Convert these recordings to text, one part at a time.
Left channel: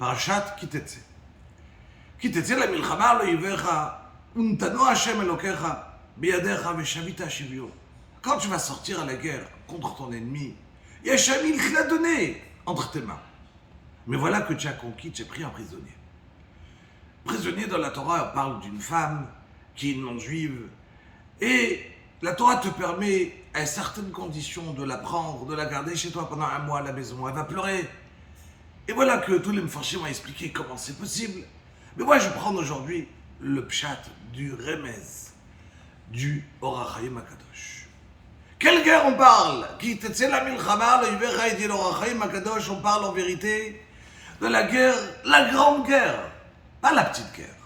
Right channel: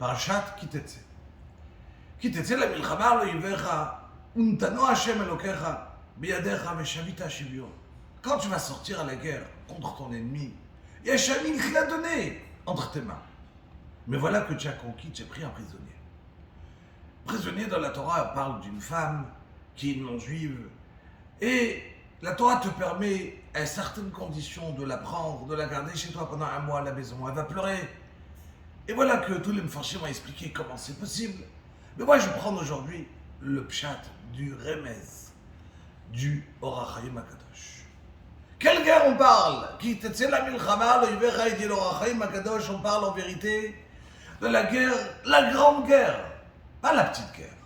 פרשת כי תצא. כי תצא למלחמה לא יברך, ונתנו Hachem אלוקיך בידיך ושבית שביו. Quand tu vas sortir à la guerre contre ton ennemi, il y a Hachem qui l'a donné entre tes mains. Mais voilà que tu as conquis, tu es pris en prisonnier. Prisonnier dans la Torah, on parle d'une femme qui est une non-juive. Et la Torah te permet, à certaines conditions, de la prendre, de la garder chez toi pendant 1 mois à la maison. Elle va pleurer. Et voilà que tous les mfarshim m'ont expliqué comment c'est possible. Mais moi, je vais prendre aujourd'hui le pshat du remez, du Or HaChaim HaKadosh. Quelle guerre on parle? Qui t'etze la milchama, le Yivecha et dit l'Or HaChaim HaKadosh, on parle en vérité de la guerre, la grande guerre, pas la petite guerre.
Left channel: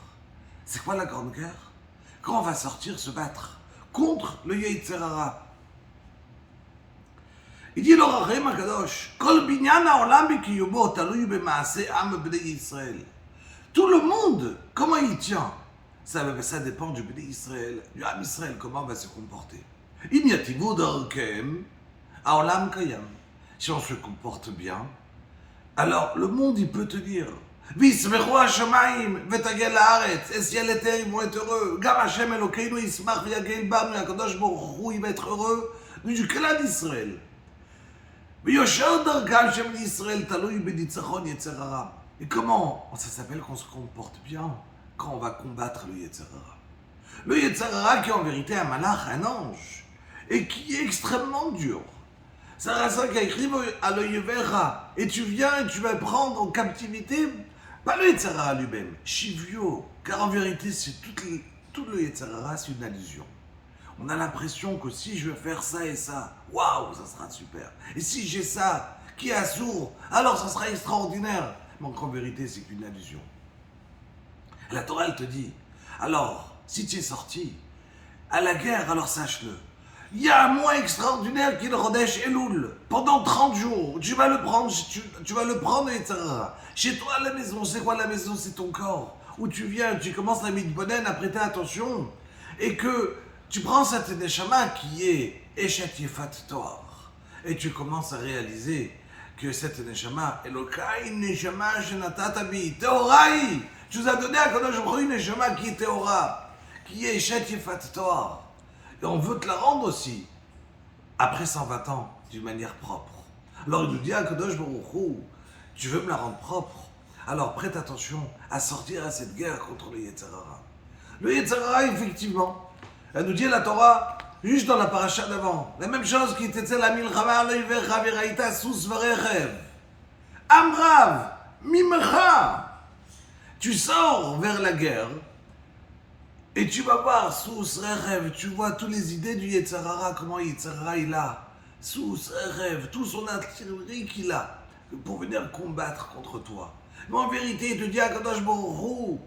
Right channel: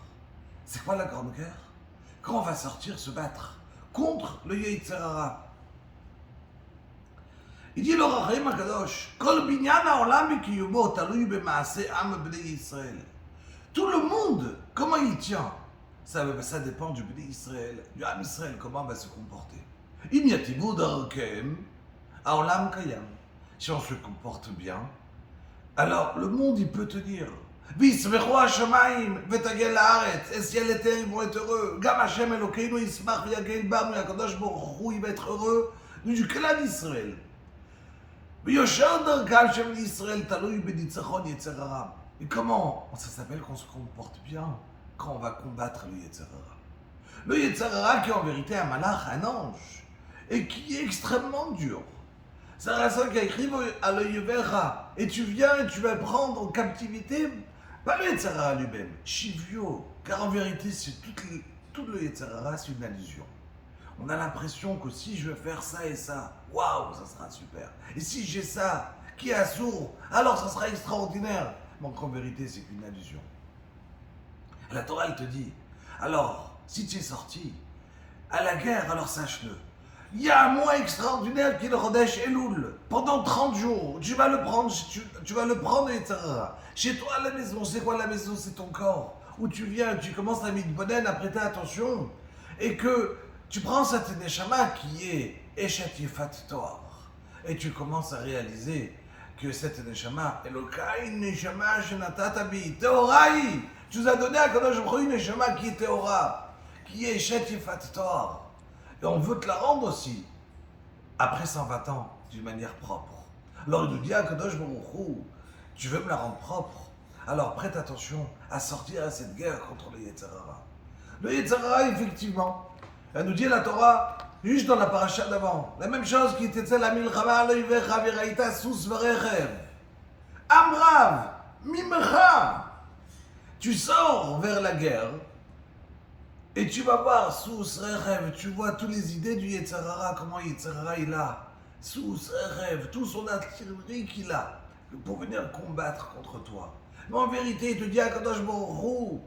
C'est quoi la grande guerre? Quand on va sortir se battre contre le Yetzer Hara. Il dit l'Or HaChaim HaKadosh, Kol binyan ha'olam b'kiyubo taluy b'maaseh am b'nei Yisrael. Tout le monde, comment il tient? Ça dépend du Bnei Israël, du Am Israël, comment on va se comporter. In yativu darkem ha'olam kayam. Si on se comporte bien, alors le monde il peut tenir. V'yismechu hashamayim v'tagel la'aretz. Et ciel et terre ils vont être heureux. Gam Hashem Elokeinu yismach v'yagel banu. Hakadosh Baruch Hu il va être heureux du clan d'Israël. V'yosher darkam Shem Yisrael taluy b'nitzachon Yetzer Hara. Et comment ça s'appelle qu'on se comporte bien quand on va combattre le Yetzer Hara? Le Yetzer Hara qui est en vérité un malach, un ange, et qui est extrêmement dur. C'est ça qui a écrit à le Yevecha. Et tu viens et tu vas prendre en captivité, pas le Yetzer Hara lui-même, Shivyo. Car en vérité, c'est tout le Yetzer Hara, c'est une allusion. On a l'impression que si je vais faire ça et ça, waouh, ça sera super. Et si j'ai ça, qui est assourd, alors ça sera extraordinaire. Mais en vérité, c'est qu'une allusion. La Torah, elle te dit, alors, si tu es sorti à la guerre, alors sache-le. Il y a un mois extraordinaire qui est le Rodesh Elul. Pendant 30 jours, tu vas le prendre, tu vas le prendre, etc. Chez toi, à la maison, c'est quoi la maison? C'est ton corps. Où tu viens, tu commences à mitbonen, à prêter attention. Et que tu prends cette neshama qui est Eshet Yefat Toar. Et tu commences à réaliser que cette neshama, Elokai neshama shenatata bi, Teorai. Tu nous as donné à Kadosh Baruch Hu une neshama qui est Teora, qui est Eshet Yefat Toar. Et on veut te la rendre aussi, après 120 ans, d'une manière propre. Alors il nous dit à Kadosh Baruch Hu, tu veux me la rendre propre? Alors prête attention à sortir à cette guerre contre le Yetzer Hara. Le Yetzer Hara, effectivement, elle nous dit à la Torah, juste dans la paracha d'avant, la même chose qui était la milchama lo yivecha v'raïta sus v'rechev. Amrav, mimcha. Tu sors vers la guerre et tu vas voir sus rechev, tu vois toutes les idées du Yetzer Hara, comment Yetzer Hara il a, sus rechev, tout son artillerie qu'il a pour venir combattre contre toi. Mais en vérité, il te dit à Kadosh Baruch Hu,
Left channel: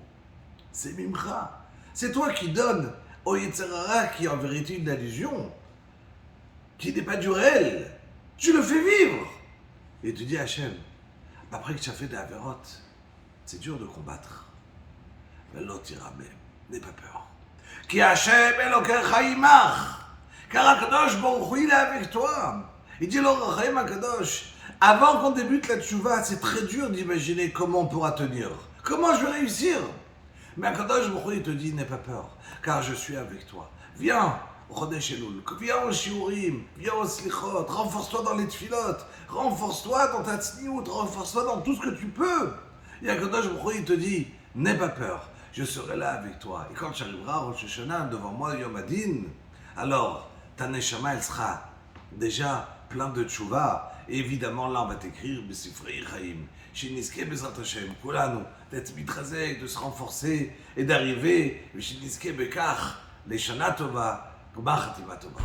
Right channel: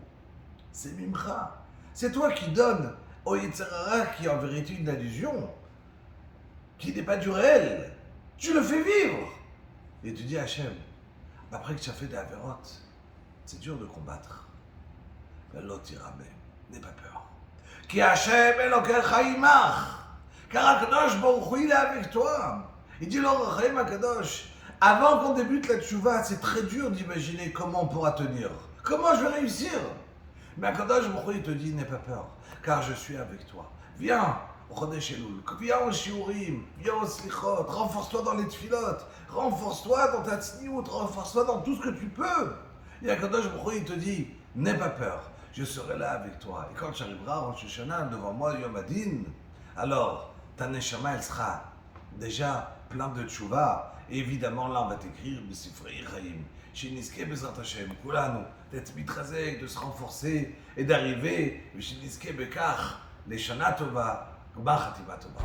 c'est mimcha, c'est toi qui donnes au Yetzer Hara qui est en vérité une allusion, qui n'est pas du réel. Tu le fais vivre. Et tu dis à Hachem, après que tu as fait des avérotes, c'est dur de combattre. Mais l'autre ira même, n'aie pas peur. Ki Hachem Elokecha imach. Car Akadosh Baruch Hu il est avec toi. Il dit l'Or HaChaim HaKadosh, avant qu'on débute la tchouva, c'est très dur d'imaginer comment on pourra tenir. Comment je vais réussir? Mais Akadosh Baruch Hu il te dit, n'aie pas peur, car je suis avec toi. Viens au Chodesh Elul, viens au Shiurim, viens au Slichot, renforce-toi dans les tfilot, renforce-toi dans ta tzniout, renforce-toi dans tout ce que tu peux. Et Akadosh Baruch Hu il te dit, n'aie pas peur, je serai là avec toi. Et quand tu arriveras à Rosh Hashanah devant moi, Yom Adin, alors ta neshama elle sera déjà plein de tchouva. Et évidemment, là, on va t'écrire B'Sifrei Chaim, Sheniske Bezrat Hashem, Kulanu, d'être mitrazek, de se renforcer et d'arriver, Sheniske Bekach, les Shana Tova, Gmar Chatima Tova.